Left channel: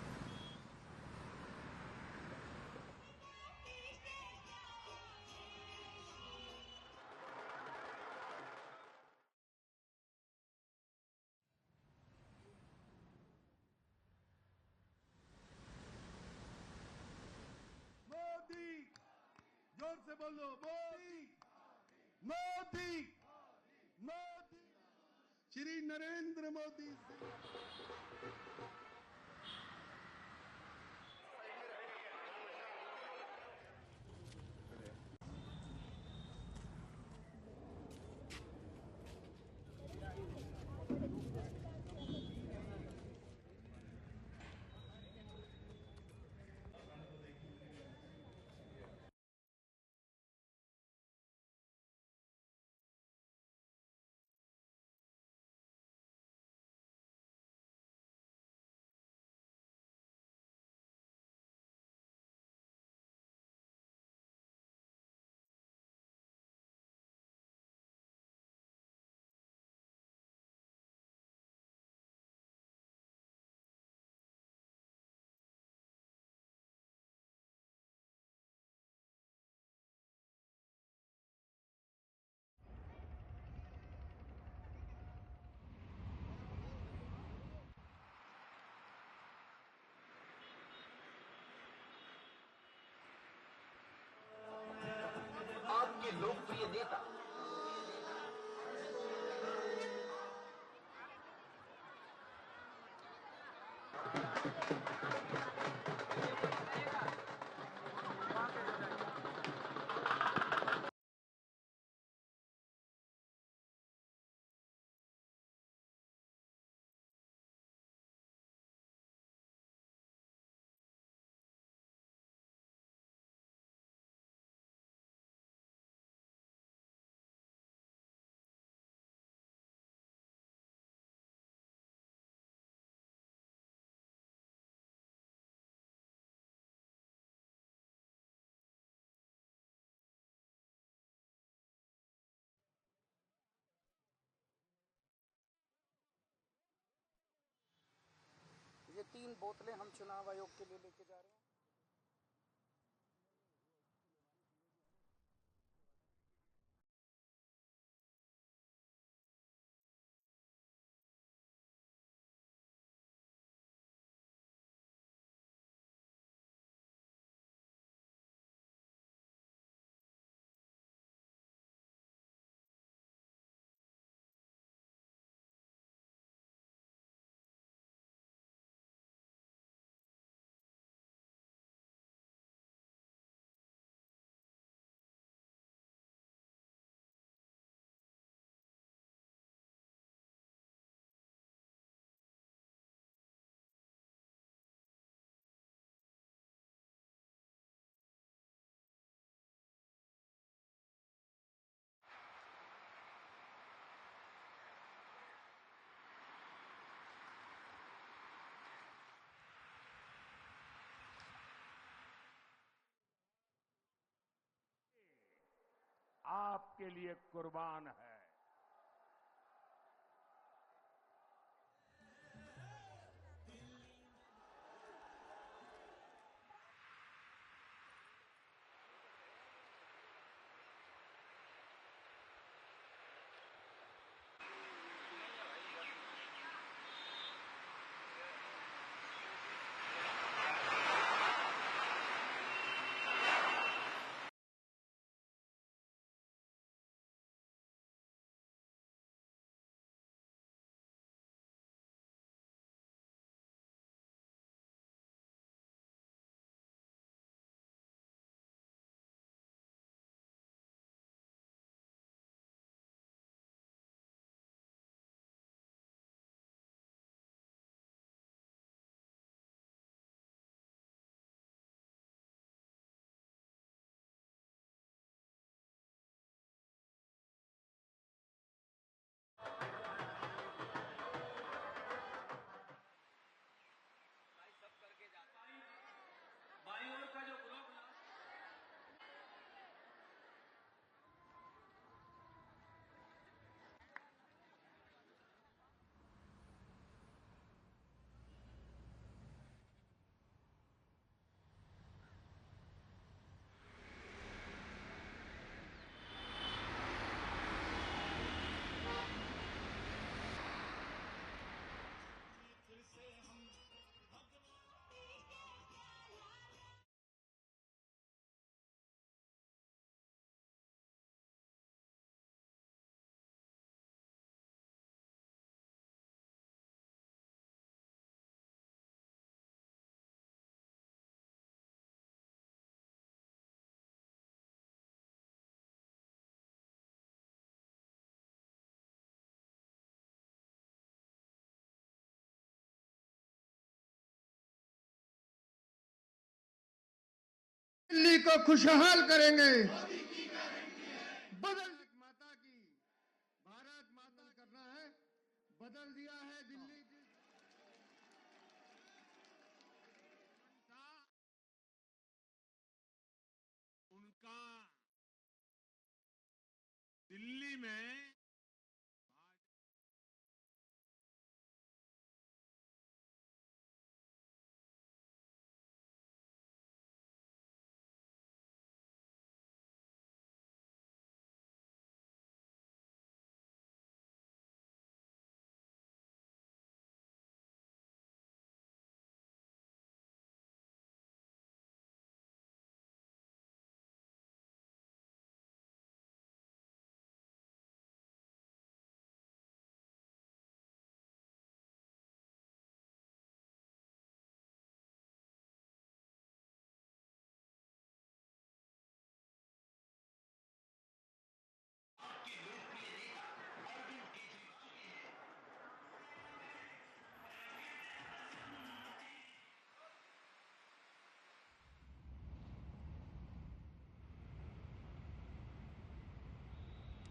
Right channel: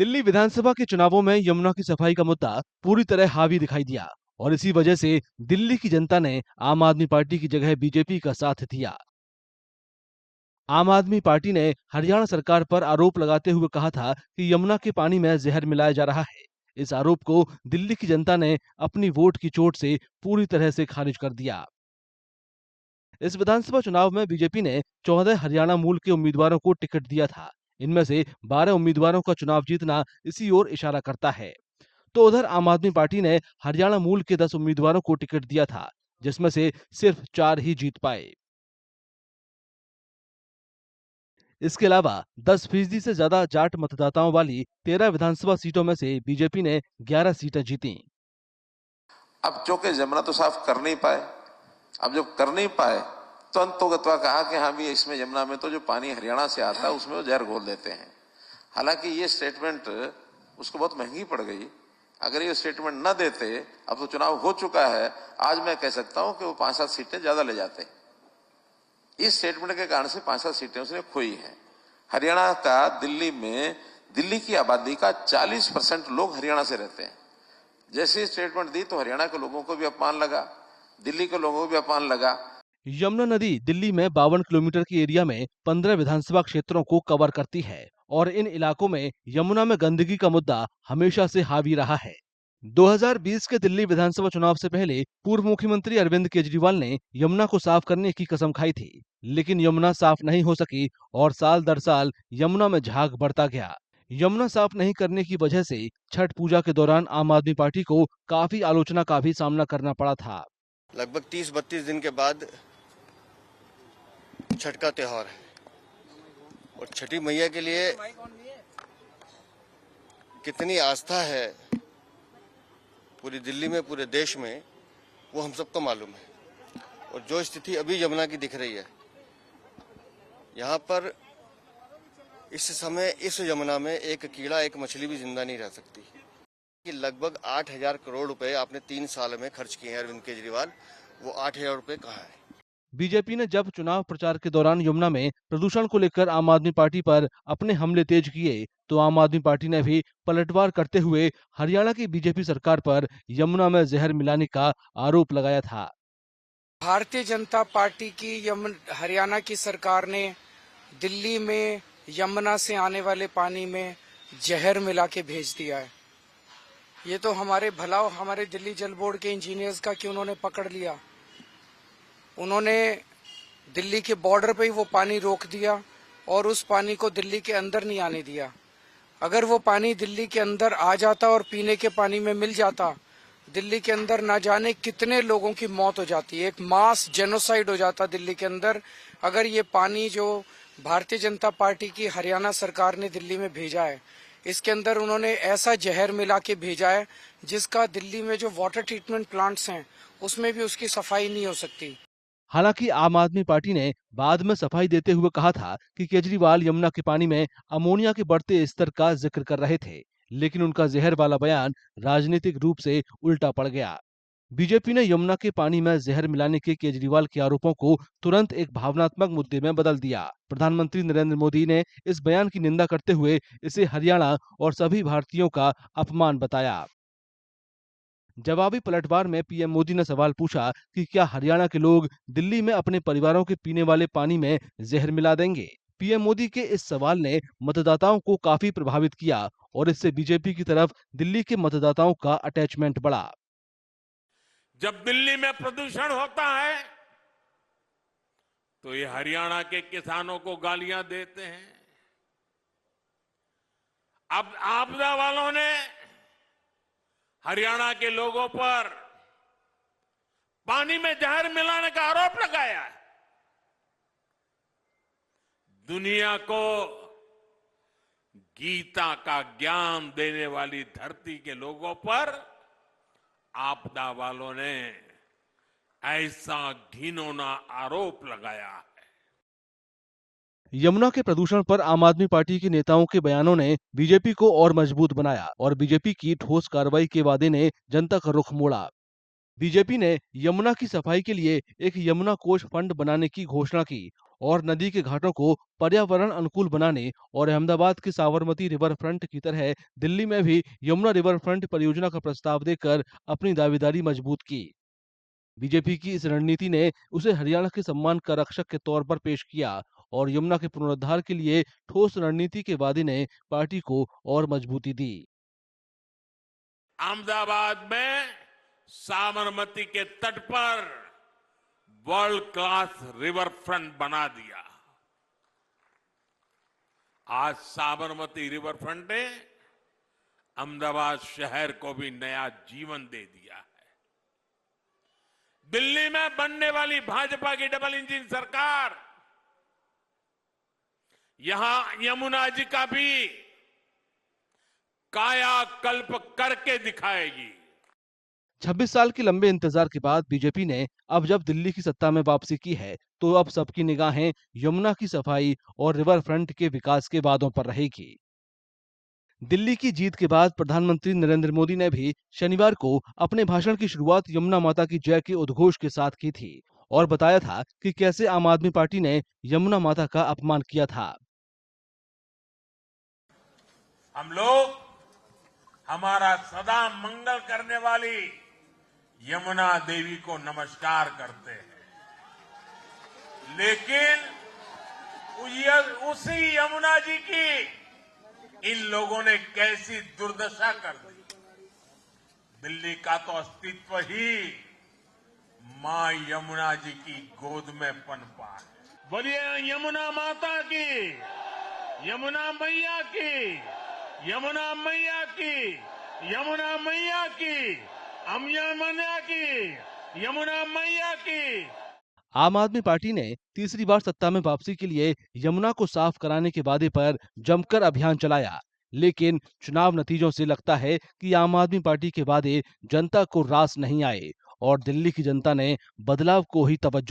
दिल्ली विधानसभा के चुनावों में यमुना की सफाई का मुद्दा पूरी तरह हावी दिखाई दिया और इसी वजह से दिल्ली की जनता ने आम आदमी पार्टी की जगह बीजेपी का साथ दिया। आम आदमी पार्टी ने हरियाणा सरकार पर आरोप लगाते हुए कहा था कि यमुना के पानी में जहर मिलाया जा रहा है। इस आरोप को दिल्ली की जनता ने अपनी वोट की चोट से पूरी तरह से खारिज कर दिया। इस विधानसभा चुनाव में बीजेपी ने 14 हरियाणा मूल के उम्मीदवारों को टिकट दिया था। इनमें से 12 उम्मीदवारों का चुनाव जीतना इसी ओर इशारा करता है। तो उधर आम आदमी पार्टी ने हरियाणा मूल के 10 उम्मीदवारों को टिकट दिया था, जिसमें से सिर्फ 4 ही जीत पाए। इसके अलावा 10% से ज्यादा जाट मतदाताओं वाली 13 विधानसभा सीटों में से बीजेपी ने 11 सीटें जीती। अब चूंकि यमुना तो साफ कर नहीं पाए, अब जब कर नहीं पाए तो अंतोगत्वा कहा कि हाँ भी इसमें यमुना में तो जो पानी हरियाणा से आता है उसमें वो जहर घोल देते हैं। हालांकि ये स्टेटमेंट उसको बहुत महंगी पड़ गई। अगर ये स्टेटमेंट न देते, अब तो चुनाव हो चुका है, आज मैं कह सकता हूं कि वो 5-7 सीटें ज्यादा ले जाते। इस स्टेटमेंट के कारण से 5-7 सीटें उसने खोई हैं। हरियाणा का दिल्ली की आबादी का 40% लोग हरियाणा से रहते हैं। जैसे स्टेटमेंट दी तो हरियाणा के लोगों को भी अपमान लगा, दिल्ली के लोगों को भी अपमान लगा। यमुना नदी दिल्ली में 52 किलोमीटर की एरिया में 15 विधानसभा क्षेत्रों को कवर करती है और इन इलाकों में यमुना में गंदगी का मुद्दा हमेशा से हावी रहा है। 2020 के दिल्ली विधानसभा चुनाव से पहले पूर्व मुख्यमंत्री अरविंद केजरीवाल ने यमुना को साफ करने की कसम खाई थी, लेकिन यमुना साफ नहीं हो सकी और साल दर साल यमुना में झाग बढ़ता गया। यमुना साफ नहीं करने की वजह से छठ पूजा के दौरान आम आदमी पार्टी को काफी आलोचना का भी सामना करना पड़ा था। लगभग 30-32 दिन के बाद छठ का त्योहार है और छठी मैया के लिए कितनी आस्था है पूरी दिल्ली में, पूरे देश में, वो हम सबको मालूम है। और जो स्थिति अभी यमुना की दिख रही है, यहाँ पर इस समय इस यमुना में एक कीड़ा, एक मछली भी जिंदा नहीं रह सकती। कि लगभग 8,000 करोड़ रुपए आपने 3 साल में खर्च किए हैं अरविंद केजरीवाल, वो 8,000 रुपए कहाँ है? बीजेपी ने जब चुनाव प्रचार के दौरान यमुना में प्रदूषण को लेकर आम आदमी पार्टी पर अपने हमले तेज किए, तो आम आदमी पार्टी ने भी पलटवार करते हुए हरियाणा की बीजेपी सरकार पर यमुना में जहर मिलाने का आरोप लगाया था। भारतीय जनता पार्टी की हरियाणा की सरकार ने दिल्ली में यमुना से आने वाले पानी में जहर मिला के भेज दिया है। ये तो हमारे दिल्ली जल बोर्ड के इंजीनियर्स का कि उन्होंने पकड़ लिया। उन्होंने दिल्ली के बॉर्डर पे ही वो पानी रोक दिया और उस पानी को दिल्ली के अंदर नहीं आने दिया। अगर वो पानी दिल्ली के अंदर आ जाता और पीने के पानी में मिल जाता, दिल्ली के अंदर ना जाने कितने लोगों की मौत हो जाती है, एक मास जेनोसाइड हो जाता दिल्ली के अंदर। अगर ये पानी जो भारतीय जनता पार्टी की हरियाणा सरकार ने दिल्ली में भेजा है, इसके अंदर उन्होंने ऐसा जहर मिला के भेजा है जिसका दिल्ली में जो वाटर ट्रीटमेंट प्लांट्स हैं उसमें भी उसकी सफाई नहीं हो सकती। हालांकि आम आदमी पार्टी ने बाद में सफाई देते हुए कहा था कि केजरीवाल यमुना के पानी में अमोनिया के बढ़ते स्तर का जिक्र कर रहे थे, लेकिन उनका जहर वाला बयान राजनीतिक रूप से उल्टा पड़ गया। बीजेपी ने यमुना के पानी में जहर मिलाने के केजरीवाल के आरोपों को तुरंत एक भावनात्मक मुद्दे में बदल दिया। प्रधानमंत्री नरेंद्र मोदी ने इस बयान की निंदा करते हुए इसे हरियाणा और सभी भारतीयों का अपमान बताया। जवाबी पलटवार में पीएम मोदी ने सवाल पूछा कि क्या हरियाणा के लोग दिल्ली में अपने परिवारों के पीने वाले पानी में जहर मिला देंगे। पीएम मोदी के इस सवाल ने मतदाताओं को काफी प्रभावित किया और इससे बीजेपी की तरफ दिल्ली के मतदाताओं का अटैचमेंट बढ़ा। जब दिल्ली में प्रदूषण होता है तो ये हरियाणा के किसानों को गालियां देते हैं। अब आपदा वालों ने हरियाणा के लोगों पर पानी में जहर मिलाने का आरोप लगाया है। दुनिया को गीता का ज्ञान देने वाली धरती के लोगों पर आपदा वालों ने ऐसा घिनौना आरोप लगाया है। यमुना के प्रदूषण पर आम आदमी पार्टी के नेताओं के बयानों ने बीजेपी को और मजबूत बनाया और बीजेपी की ठोस कार्रवाई के वादे ने जनता का रुख मोड़ा। बीजेपी ने यमुना की सफाई के लिए एक यमुना कोष फंड बनाने की घोषणा की और नदी के घाटों को पर्यावरण अनुकूल बनाने और अहमदाबाद के साबरमती रिवर फ्रंट की तरह दिल्ली में भी यमुना रिवर फ्रंट परियोजना का प्रस्ताव देकर अपनी दावेदारी मजबूत की। बीजेपी की इस रणनीति ने उसे हरियाणा के सम्मान का रक्षक के तौर पर पेश किया और यमुना के पुनरुद्धार के लिए ठोस रणनीति के वादे ने पार्टी को और मजबूती दी। अहमदाबाद में साबरमती के तट पर वर्ल्ड क्लास रिवर फ्रंट बना दिया। आज साबरमती रिवर फ्रंट ने अहमदाबाद शहर को भी नया जीवन दे दिया है। दिल्ली में बनने वाली भाजपा की डबल इंजन सरकार यहां यमुना जी का भी कायाकल्प करके दिखाएगी। 26 साल के लंबे इंतजार के बाद बीजेपी ने अब जब दिल्ली की सत्ता में वापसी की है, तो अब सबकी निगाहें यमुना की सफाई और रिवर फ्रंट के विकास के वादों पर रहेगी। दिल्ली की जीत के बाद प्रधानमंत्री नरेंद्र मोदी ने भी शनिवार को अपने भाषण की शुरुआत यमुना माता की जय के उद्घोष के साथ की थी और बताया था कि कैसे आम आदमी पार्टी ने यमुना माता का अपमान किया था। हम लोग हमारा सदा मंगल करने वाली यमुना देवी को नमस्कार करते हैं, लेकिन उसी यमुना जी की इन लोगों ने कैसी दुर्दशा कर दी। दिल्ली का तो अस्तित्व ही मां यमुना जी की गोद में पनपा है। बोलिए यमुना माता की, यमुना मैया की, यमुना मैया की, यमुना मैया की, यमुना की, यमुना मैया की। आम आदमी पार्टी ने तीसरी बार सत्ता में वापसी के लिए यमुना को साफ कराने के वादे पर जमकर अभियान चलाया, लेकिन चुनाव नतीजों से लगता है कि आम आदमी पार्टी के वादे जनता को रास नहीं आए और दिल्ली की जनता ने बदलाव को ही तवज्जो